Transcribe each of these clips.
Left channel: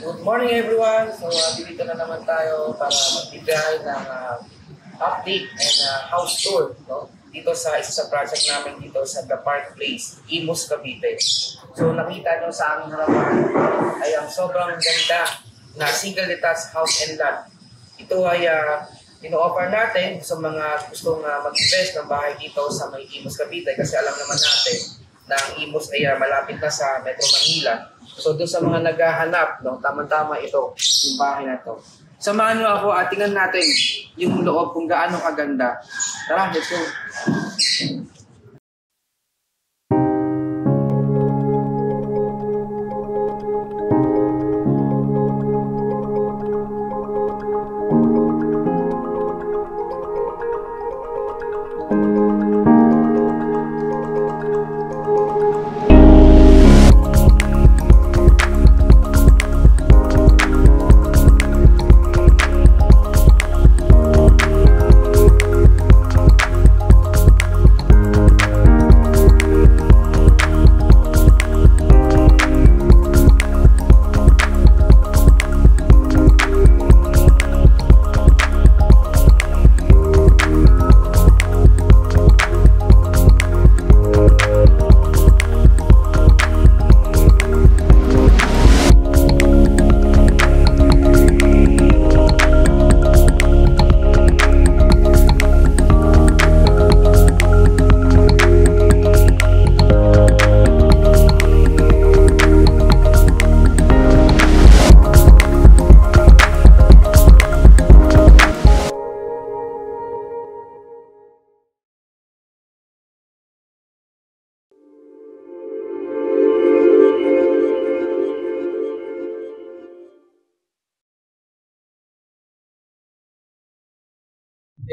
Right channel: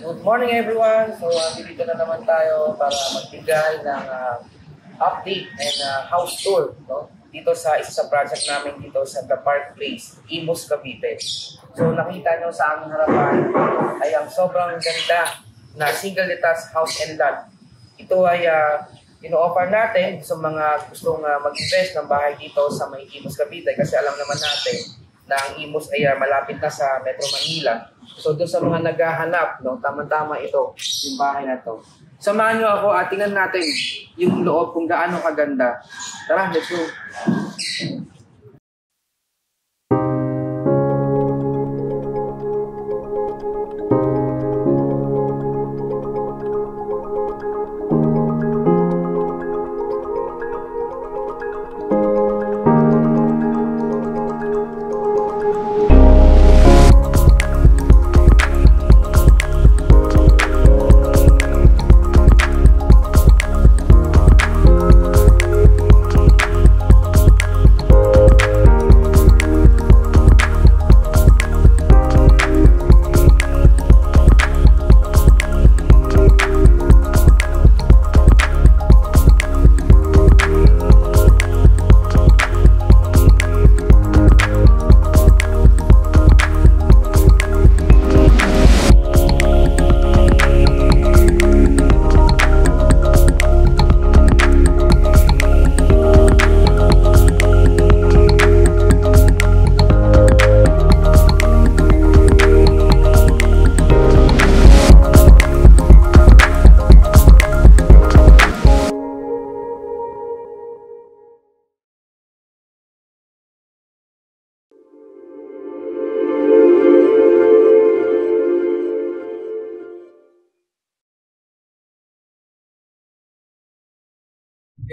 Good morning everyone! So dito na naman tayo para magbigay ng update and house tour, no? Dito sa isa sa project namin dito sa The Park Place, Imus, Cavite. So nakita nyo sa aming harapan ay ang sobrang ganda na single detached house and lot. Ito ay ino-offer natin sa mga gustong mag-invest ng bahay dito sa may Imus, Cavite kasi alam naman natin na ang Imus ay malapit na sa Metro Manila. So doon sa mga naghahanap, no, tama-tama ito, yung bahay na to. Samahan nyo ako at tingnan natin yung loob kung gaano kaganda. Tara, let's go!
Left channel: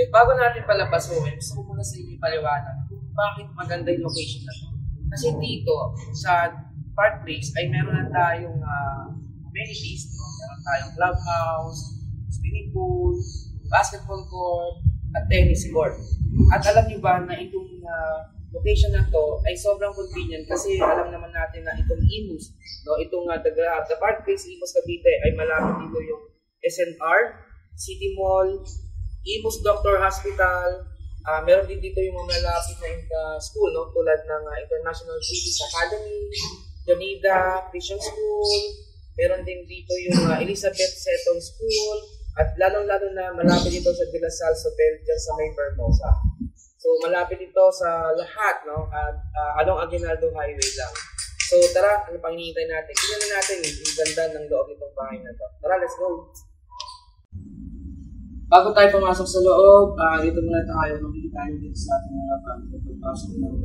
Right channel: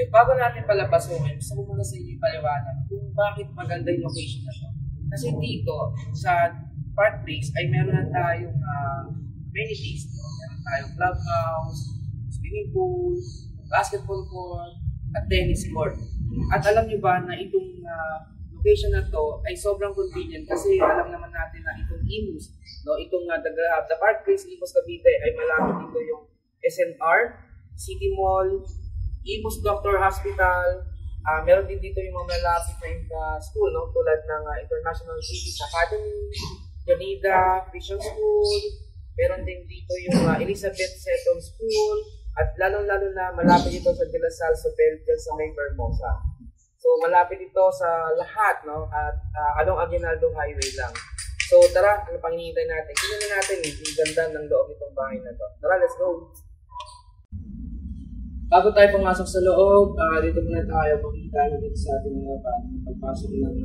Bago natin palabasin, gusto ko muna sa inyo ipaliwanag kung bakit maganda yung location na to. Kasi dito, sa Park Place, ay meron na tayong amenities. No? Meron tayong clubhouse, swimming pool, basketball court, at tennis court. At alam nyo ba na itong location na to ay sobrang convenient kasi alam naman natin na itong Imus, no? Itong The Park Place, Imus, Cavite ay malapit dito yung SNR, City Mall, Imus Doctor Hospital, meron din dito yung mga malapit na school, no? Tulad ng International British Academy, Jonida Christian School, meron din dito yung Elizabeth Seton School, at lalong-lalo na malapit dito sa De La Salle Hotel dyan sa may Vermosa. So malapit ito sa lahat, no? At along Aguinaldo Highway lang. So tara, ano pang hinihintay natin? Tingnan na natin yung ganda ng loob nitong bahay na to. Tara, let's go! Bago tayo pumasok sa loob, dito muna tayo, makikita nyo dito sa ating harapan, pagpasok ng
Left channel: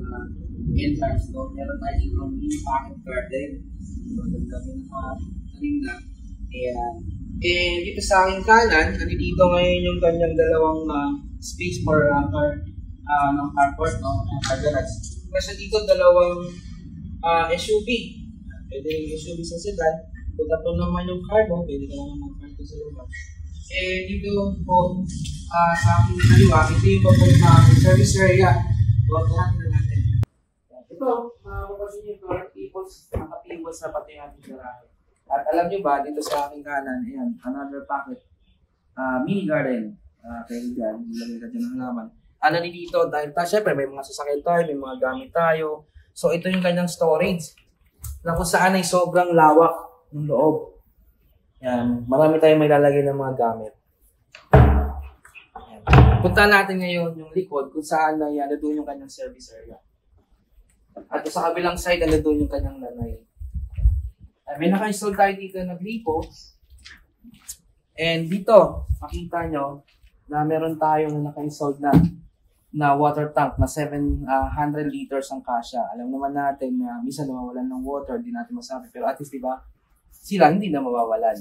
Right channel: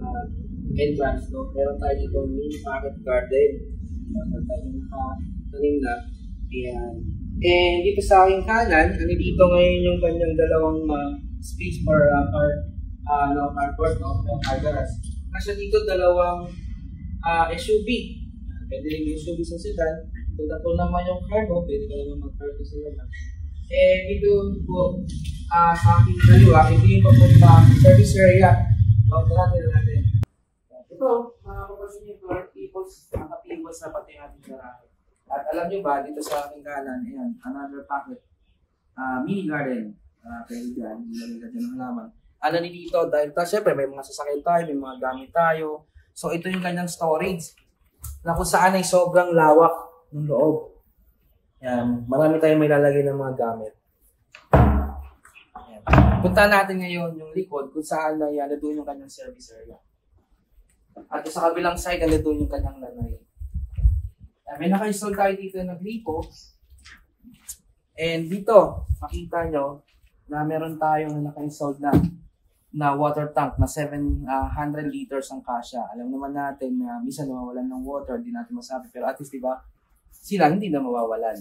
entrance, no? Meron tayo dito mini pocket garden. Tanim na. Ayan. And dito sa aking kanan, dito ngayon yung kanyang dalawang space for carport, no? Car garage. Kasi dito dalawang SUV. Pwede rin SUV sa sedan. Kung tapo naman yung car mo, pwede ka naman mag-carto sa labas. Dito po sa aking kaliwa, ito yung papuntang service area. Tara natin. Ito, makapapansin nyo ito, nakapiwas na pati ating garahe. At alam nyo ba, dito sa aking kanan, ayan, another pocket, mini garden. Pwede dyan, ilagay ka dyan ng halaman. Ano ni dito, dahil syempre may mga sasakyan tayo, may mga gamit tayo. So ito yung kanyang storage, na kung saan ay sobrang lawak ng loob. Yan, marami tayong may lalagay ng mga gamit. Yan. Punta natin ngayon yung likod kung saan na yan, doon yung kanyang service area. At sa kabilang side, doon yung kanyang lanay. May naka-install tayo dito na gripo. And dito, makita nyo na meron tayong naka-install na water tank na 700 liters ang kasya. Alam naman natin na minsan nawawalan ng water, di natin masabi. Pero at least, diba, sila hindi na mawawalan.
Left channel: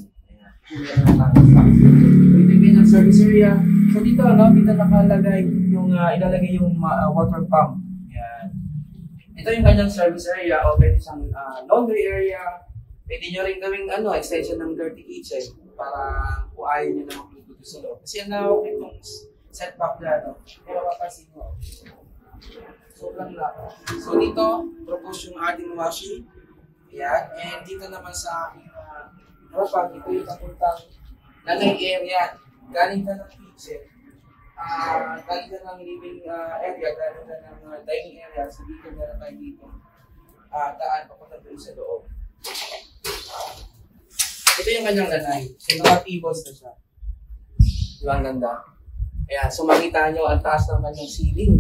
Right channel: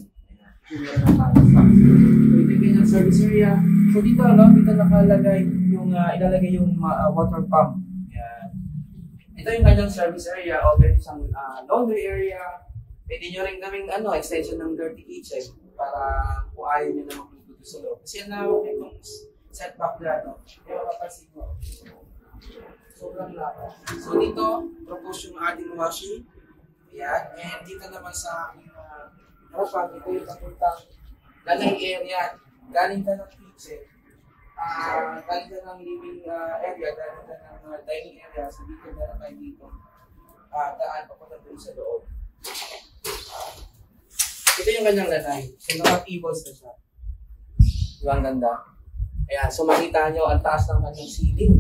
Ito yung service area. So dito, dito nakalagay yung ilalagay yung water pump. Yan. Ito yung kanyang service area o pwede isang laundry area. Pwede nyo rin gawing extension ng dirty kitchen para kung ayaw nyo na magluto sa loob. Kasi ang lawak itong setback na, pero kapasin mo. Sobrang lawak. So dito, propose yung ating washing. Ayan. And dito naman sa aking harapan, ito yung papuntang lalay area. Galing ka ng kitchen, galing ka ng living area, galing ka ng dining area. So dito meron tayo dito. Daan papunta doon sa loob. Ito yung kanyang lanay. So naka-tables na siya. Diba ang ganda? Ayan, so makita nyo ang taas ng kanyang ceiling.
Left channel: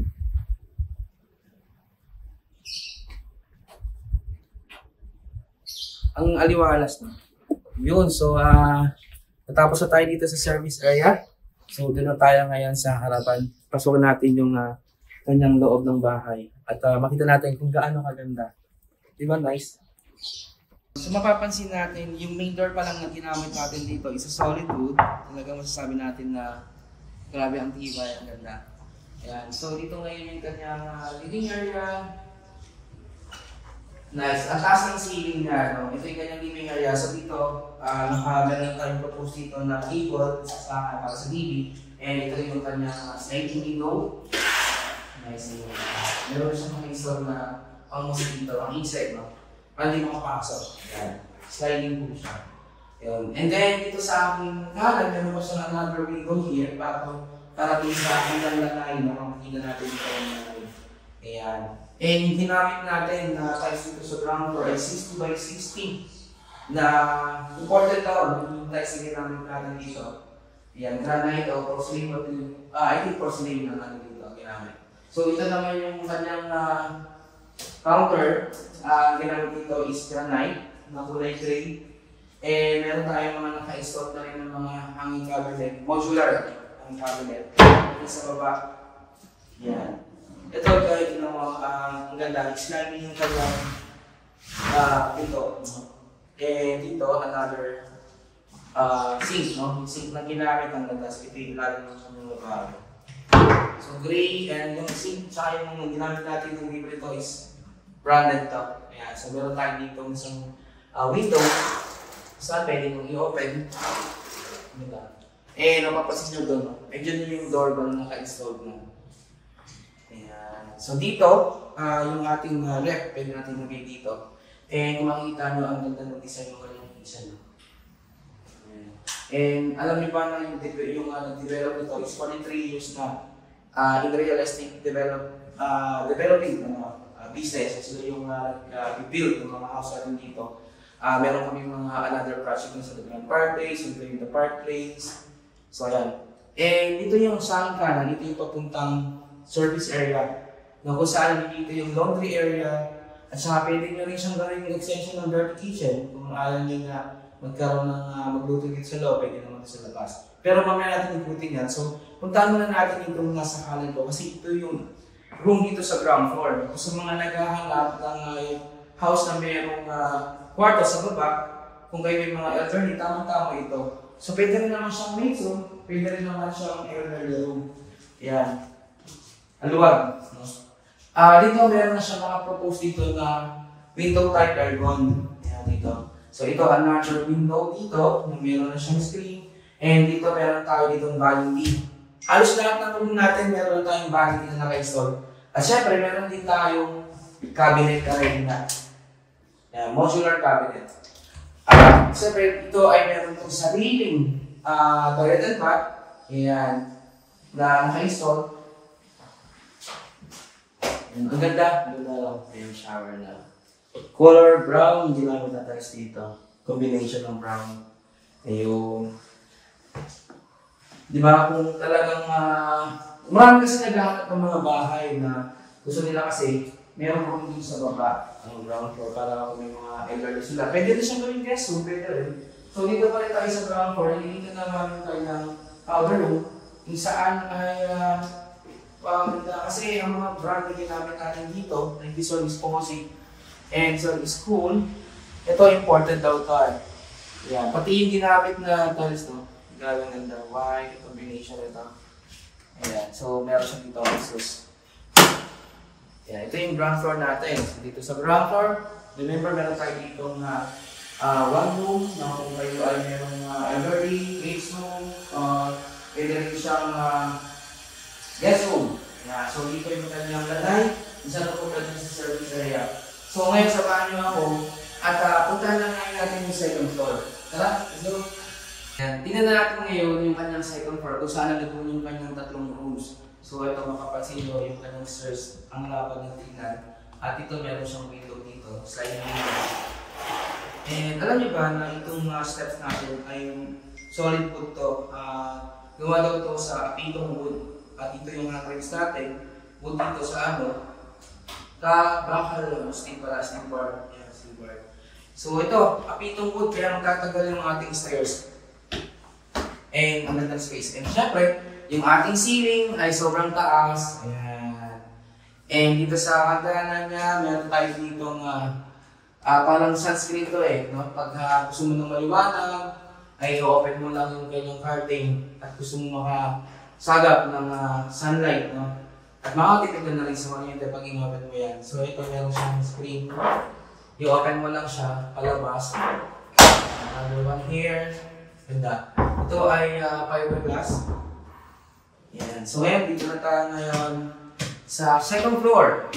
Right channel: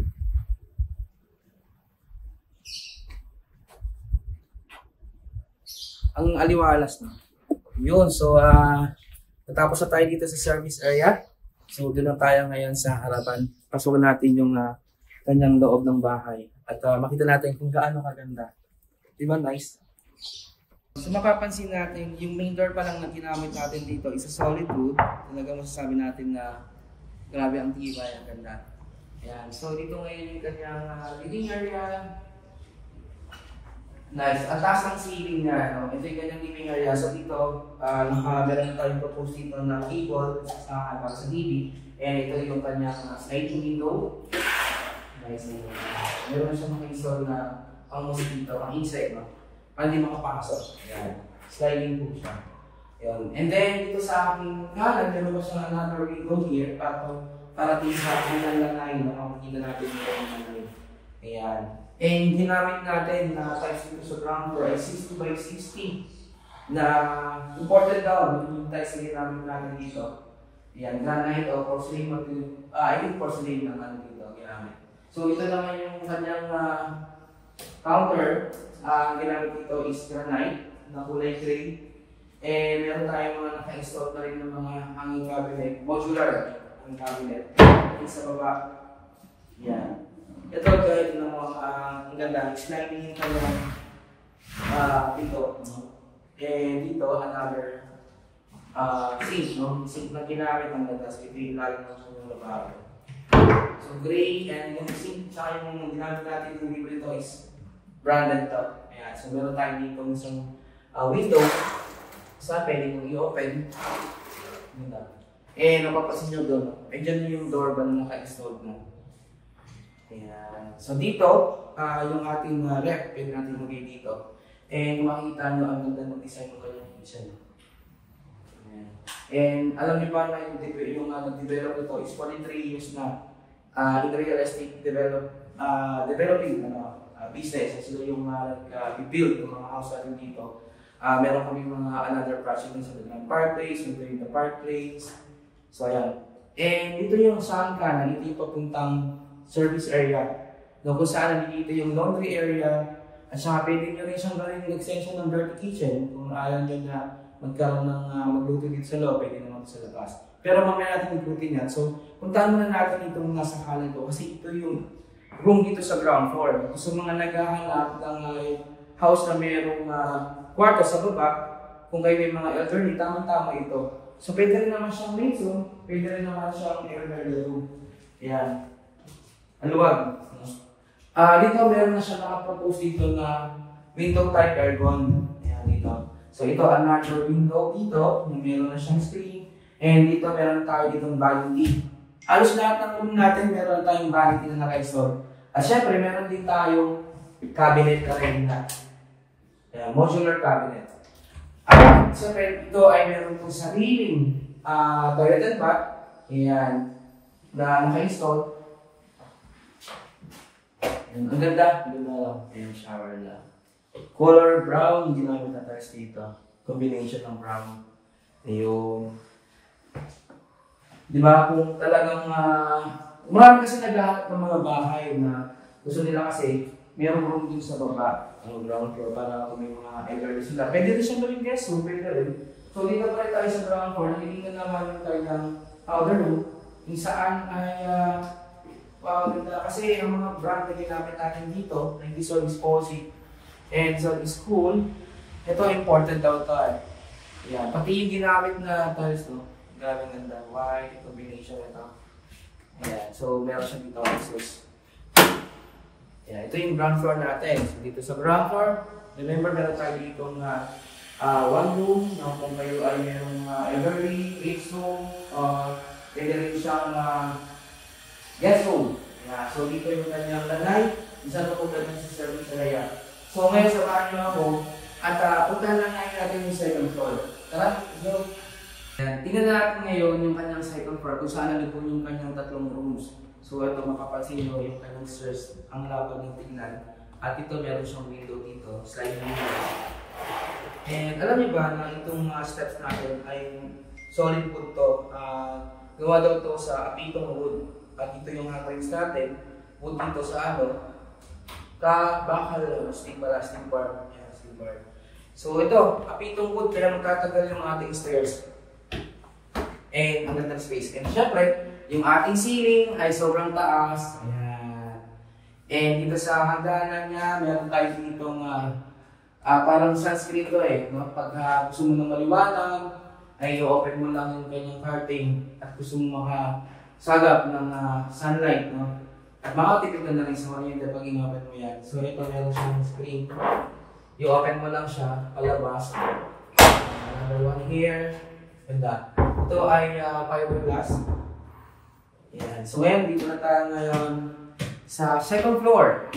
Ang aliwalas na. Yun, so natapos na tayo dito sa service area. So doon na tayo ngayon sa harapan. Pasukin natin yung kanyang loob ng bahay. At makita natin kung gaano kaganda. Diba nice? So mapapansin natin, yung main door pa lang na ginamit natin dito is a solid wood. Talagang masasabi natin na grabe ang tibay, ang ganda. Ayan, so dito ngayon yung kanyang living area. Nice. Ang taas ng ceiling na, no? Ito yung kanyang living area. So dito, meron na tayong propose dito na table sa para sa TV. And ito yung kanyang sliding window. Nice. Meron na siyang mga na ang mosquito, ang insect, no? Para hindi makapasok. Ayan. Sliding po siya. Ayan. And then, dito sa aking kanan, meron pa siya another window here para dito sa aking lanay na makikita natin ito yung lanay. Ayan. And ginamit natin na tiles dito sa ground floor ay 60 by 60 na important daw yung tiles na ginamit natin dito. Ayan. Granite o porcelain material. I think porcelain na natin dito ginamit. So, ito naman yung kanyang counter, ginamit dito is granite na kulay gray. Eh, meron tayong mga naka-install na rin ng mga hanging cabinet, modular ang cabinet. Ito sa baba. Yan. Ito guys, ang ganda, sliding yung kanyang dito. Eh, dito, another sink, no? Sink na ginamit ang ganda. So, ito yung lalim ng kanyang labaran. So, gray, and yung sink, tsaka yung ginamit natin kung libre ito is branded top. Ayan. So, meron tayo dito isang window. So, pwede nyo i-open. Eh, napapasin nyo doon. Diyan yung doorbell na naka-installed mo. Ayan. So, dito, yung ating ref, pwede natin lagay dito. And kung makikita nyo, ang ganda ng design ng kanyang isa. And alam niyo ba na yung nag-develop nito is 43 years na in real estate developing business. Sila yung build ng mga house natin dito. Meron kami mga another project sa The Grand Park Place, the Park Place. So ayan. And ito yung sa aking kanan, ito yung papuntang service area. No, kung saan dito yung laundry area. At saka pwede nyo rin siyang gawin yung extension ng dirty kitchen. Kung ayaw nyo na magkaroon ng magluto dito sa loob, pwede naman sa labas. Pero mamaya natin ikutin yan. So, puntahan muna natin itong nasa kanan ko kasi ito yung room dito sa ground floor. Sa mga naghahanap ng house na mayroong kwarto sa baba, kung kayo may mga elderly, tamang-tama ito. So, pwede rin naman siyang maid's room, pwede rin naman siyang elderly room. Yan. Aluwag. Dito, meron na siya nakapropose dito na window type aircon. Yan, dito. So, ito, another window dito, meron na siyang screen. And dito, meron tayo ditong vanity. Halos lahat ng room natin, meron tayong vanity na naka-install. At syempre, meron din tayong cabinet karina. Yan, modular cabinet. Siyempre, ito ay meron itong sariling toilet and bath. Ayan, na naka-install. Ang ganda. Ganda lang. Ayan, shower na. Color brown, hindi namin natars dito. Combination ng brown. Ayun. Di ba kung talagang marami kasi naghahanap ng mga bahay na gusto nila kasi mayroong room din sa baba, ang ground floor, para kung may mga elderly sila. Pwede rin siyang gawing guest room, pwede rin. So dito pa rin tayo sa ground floor, nangilitan naman tayo ng powder room, kung saan ay ganda. Kasi ang mga brand na ginamit natin dito, like this one is Posy, and so is cool. Ito important daw tayo. Yan, pati yung ginamit na tiles, no? Grabe ang ganda. White combination ito. Ayan. So, meron siya dito Asus. Ayan. Ito yung ground floor natin. So, dito sa ground floor, remember meron tayo dito na one room na kung kayo ay merong elderly, age room, pwede rin siyang guest room. Ayan. So, dito yung kanyang lanay. Isa na po pwede sa service area. So, ngayon samahan niyo ako at puntahan lang ngayon natin yung second floor. Tara, let's go. Yan. Tingnan na natin ngayon yung kanyang second floor kung saan nandun yung kanyang tatlong rooms. So ito mapapansin nyo yung kanyang stairs, ang lapad ng tingnan. At ito meron siyang window dito, sliding window. And alam niyo ba na itong mga steps natin ay solid wood to. Gawa daw to sa apitong wood. At ito yung mga frames natin, wood dito sa bakal, steel bar. Yan, steel bar. So ito, apitong wood, kaya magtatagal yung ating stairs. And ang gandang space. And syempre, yung ating ceiling ay sobrang taas. Ayan. And dito sa hagdanan niya, meron tayo ditong parang sunscreen to no? Pag gusto mo ng maliwanag, ay i-open mo lang yung kanyang curtain at gusto mo makasagap ng sunlight, no? At makatipid na rin sa mga yun pag in-open mo yan. So ito meron siyang screen. I-open mo lang siya, palabas. Another one here. Ganda. Ito ay fiberglass. Yan. So ngayon, dito na tayo ngayon sa second floor.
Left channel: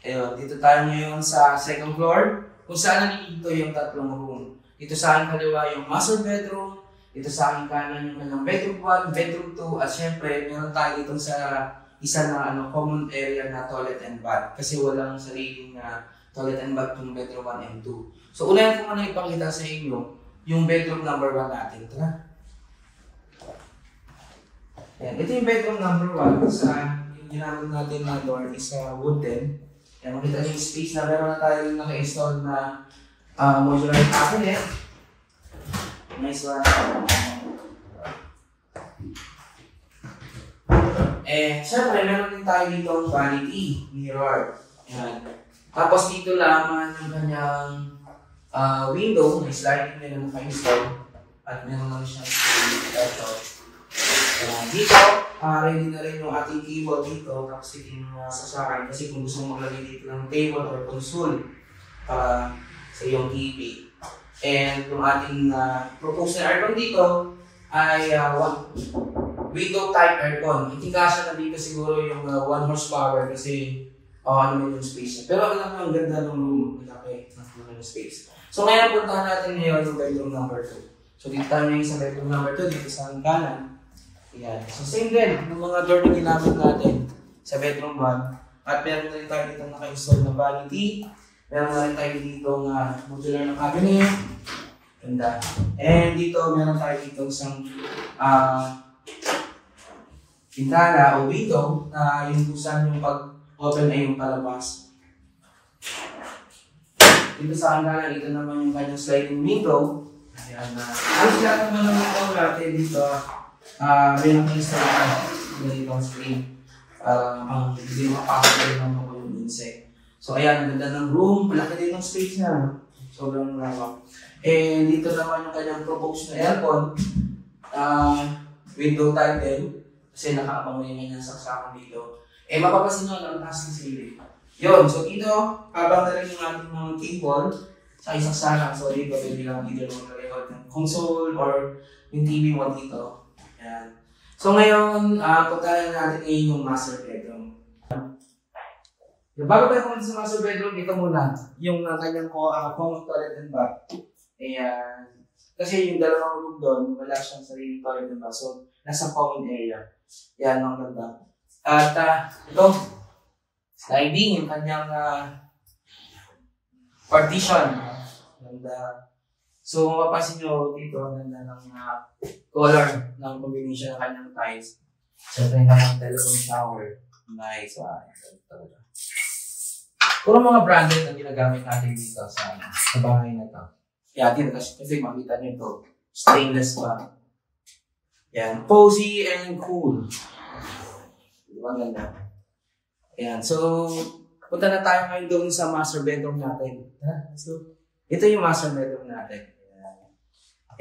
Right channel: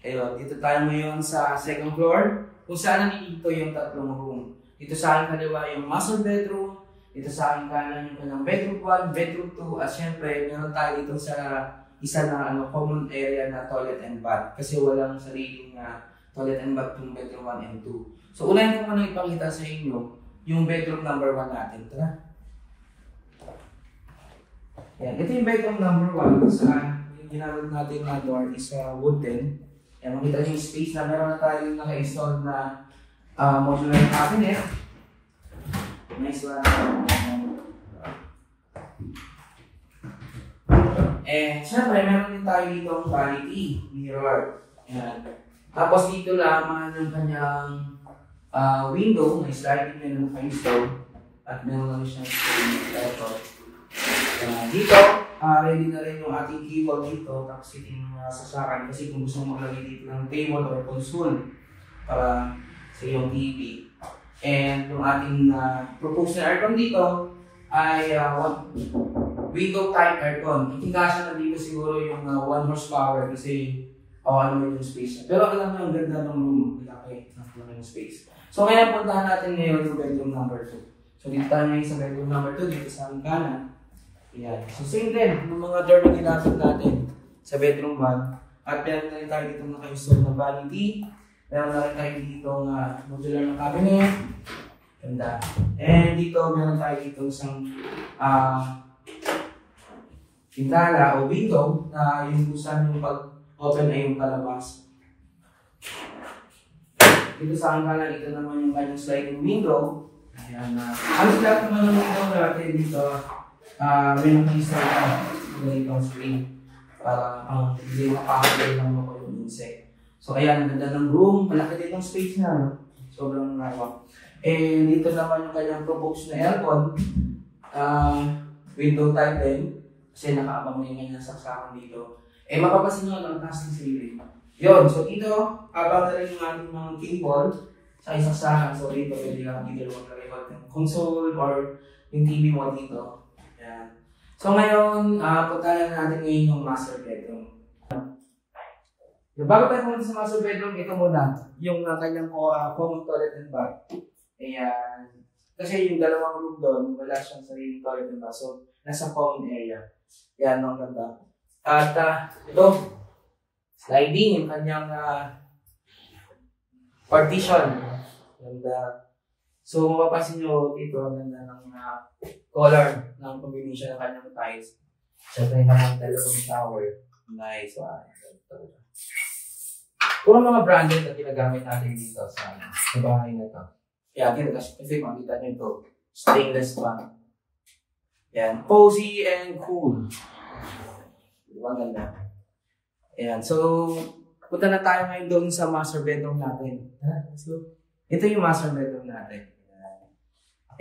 Ayun, dito tayo ngayon sa second floor kung saan nandito yung tatlong room. Dito sa aking kaliwa yung master bedroom, dito sa aking kanan yung kanyang bedroom 1, bedroom 2, at syempre meron tayo dito sa isa ng common area na toilet and bath kasi walang sariling toilet and bath yung bedroom 1 and 2. So unahin ko muna ipakita sa inyo yung bedroom number 1 natin. Tara. Yan. Ito yung bedroom number 1. Yung ginamit natin na door is wooden. Yan. Makita niyo yung space na meron na tayo naka-install na modular cabinet. Nice one. And syempre, meron din tayo dito ang vanity mirror. Yan. Tapos dito lamang yung kanyang window, may sliding na naka-install at meron lang siya laptop. Dito, ready na rin yung ating keyboard dito, tapos ito yung sasakan kasi kung gusto mo maglagay dito ng table or console para sa iyong TV. And yung ating proposed na aircon dito ay window type aircon. Itikasya na dito siguro yung 1 horsepower kasi ano yung space niya. Pero alam mo, ang ganda ng room, malaki ng space. So ngayon, puntahan natin ngayon yung bedroom number 2. So dito tayo ngayon sa bedroom number 2, dito sa kanan. Ayan. So same din, yung mga door na ginamit natin sa bedroom 1. At meron na rin tayo dito naka-install na vanity. Meron na rin tayo dito modular ng cabinet. Ganda. And dito, meron tayo dito isang pintana o window na yung kusan yung pag-open ay yung palabas. Dito sa kanan, ito naman yung kanyang sliding window. Ayan na. Ang lahat naman ng window natin dito, meron kang install na ganito ang screen. Para hindi makakagay lang ako yung insect. So ayan, ang ganda ng room. Malaki din ang space niya. Sobrang lawak. And dito naman yung kanyang proposed na aircon. Window type din. Kasi nakaabang mo yung saksakan dito. Eh mapapasin nyo na mataas ng ceiling. Yun, so dito, habang na rin yung ating mga cable sa isang saksakan. So dito, pwede lang either mag-record ng console or yung TV mo dito. Ayan. So ngayon, puntahan natin ngayon yung master bedroom. Bago tayo pumunta sa master bedroom, ito muna, yung kanyang common toilet and bath. Ayan. Kasi yung dalawang room doon, wala siyang sariling toilet and bath. So, nasa common area. Ayan, ang ganda. At ito, sliding yung kanyang partition. Ganda. So, mapapansin nyo dito, ganda ng color ng combination ng kanyang tiles. So, ito yung kanyang telephone shower. Nice. Talaga. Puro mga branded na ginagamit natin dito sa bahay na ito. Kaya dito kasi makita nyo ito. Stainless pa. Ayan. Cozy and cool. Diba ganda? Ayan. So, punta na tayo ngayon doon sa master bedroom natin. So, ito yung master bedroom natin. Ayan.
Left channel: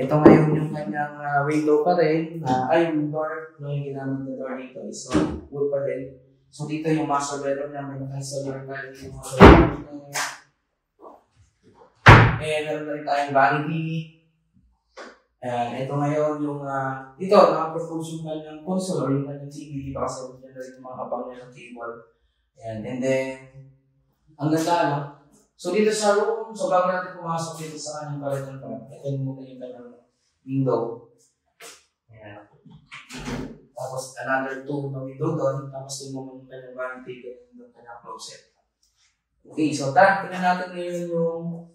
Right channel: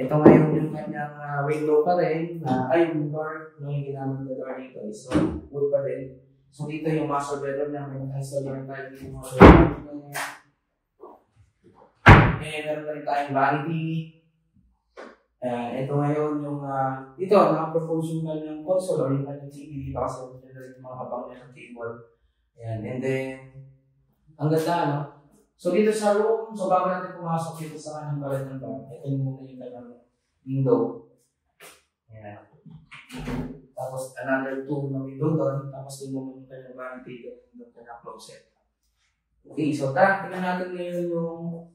Ito ngayon yung kanyang window pa rin. Yung door. Yung ginamit na door dito. So, wood pa rin. So dito yung master bedroom na may naka-solar tile dito yung mga bedroom. And meron na rin tayong vanity. Ayan, ito ngayon yung dito, naka-propose yung kanyang console or yung kanyang TV dito kasi ito na rin yung mga kapang niya ng table. Ayan, and then, ang ganda, no? So dito sa room, so bago natin pumasok dito sa kanyang palit ng bag, ito muna yung kanyang window. Ayan. Tapos another 2 na window doon, tapos yung naman yung kanyang vanity doon kanyang closet. Okay, so tingnan natin ngayon yung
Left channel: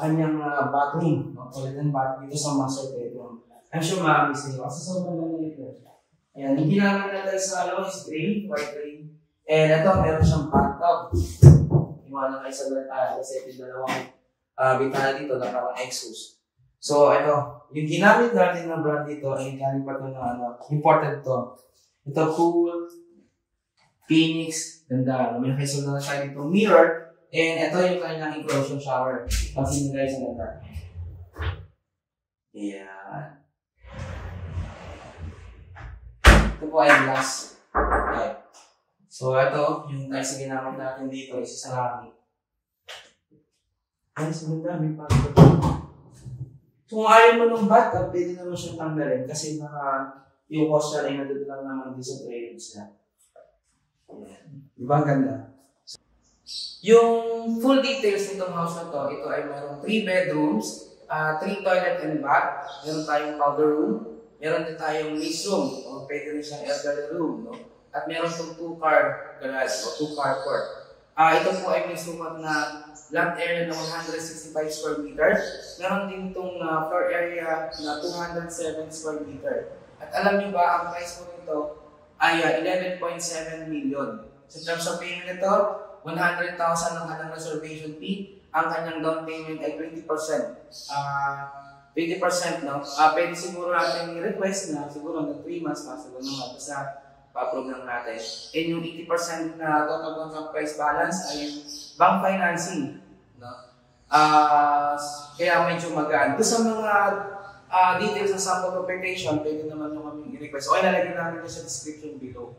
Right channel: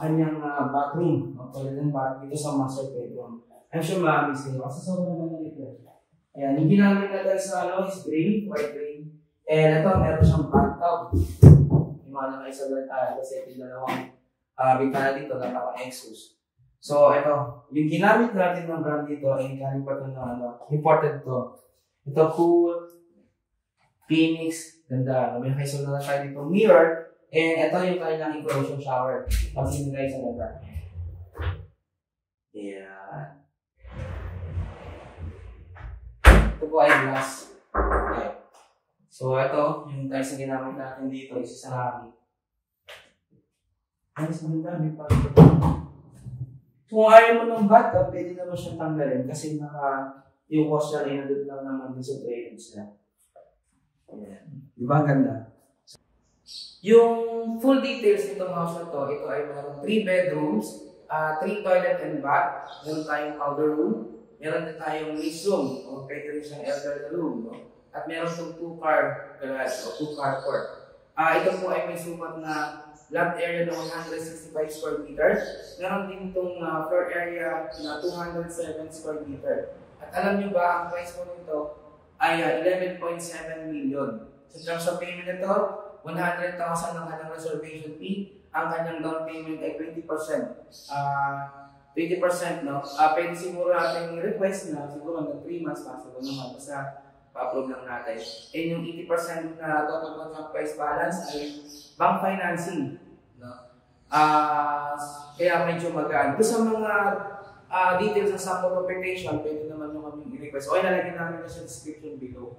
kanyang bathroom. Toilet and bath dito sa master bedroom. I'm sure maamis nyo kasi sobrang maliit na. Ayan, yung ginamit natin sa is gray, white gray. And ito, meron siyang bathtub. Iwanan kayo sa bantaya kasi ito yung dalawang bintana dito na naka-exhaust. So, ito, yung ginamit natin ng brand dito ay galing pa ito na important to. Ito, Cool, Phoenix, ganda. May kaisal na siya dito mirror. And ito yung kanilang enclosure shower. Pansin nyo guys, ang ganda. Ayan. Ito po ay glass. Okay. So, ito, yung guys na ginamit natin dito, isa sa hangin. Ay, sa dami pa. So, kung ayaw mo ng bathtub, pwede naman siyang tanggalin kasi yung washer ay nandito lang naman din sa drainage na. Diba ang ganda? Yung full details nitong house na to, ito ay mayroong 3 bedrooms, 3 toilet and bath, meron tayong powder room, meron din tayong lease room, o pwede rin siyang elderly room, no? At meron itong 2-car garage o 2-car court. Ito po ay may sukat na lot area na 165 square meter. Meron din itong floor area na 207 square meter. At alam nyo ba, ang price po nito ay 11.7 million. So, in terms of payment nito, 100,000 ang kanyang reservation fee. Ang kanyang down payment ay 20%. 20%, no? Pwede siguro natin i-request na siguro na 3 months possible naman. Basta pa-approve lang natin. And yung 80% na total contract price balance ay bank financing. No? Kaya medyo magaan. Doon sa mga details sa sample application, pwede naman yung kami i-request. O ilalagay namin na sa description below.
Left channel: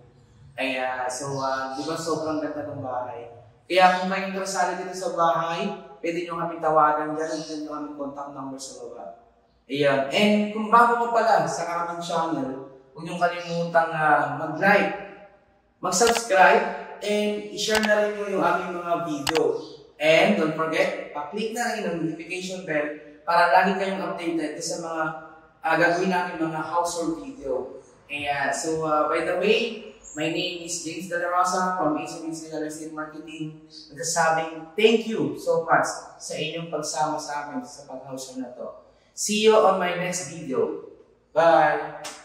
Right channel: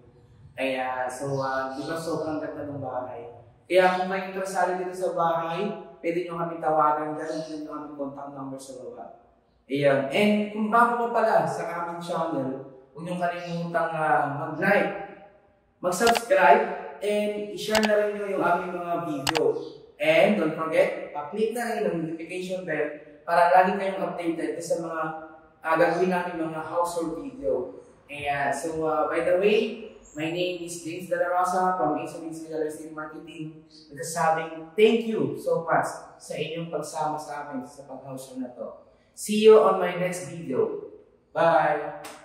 Kaya, so, di ba sobrang ganda ng bahay? Kaya kung kayo interesado dito sa bahay, pwede nyo kami tawagan dyan. Pwede nyo kami contact number sa baba. Ayan. And kung bago mo pala sa aming channel, huwag niyong kalimutang mag-like, mag-subscribe, and i-share na rin nyo yung aming mga video. And don't forget, pa-click na rin ang notification bell para lagi kayong updated sa mga gagawin namin mga household video. And so, by the way, my name is James De La Rosa from Ace Real Estate Marketing. Nagsasabing thank you so much sa inyong pagsama sa amin sa pag-house na to. See you on my next video. Bye!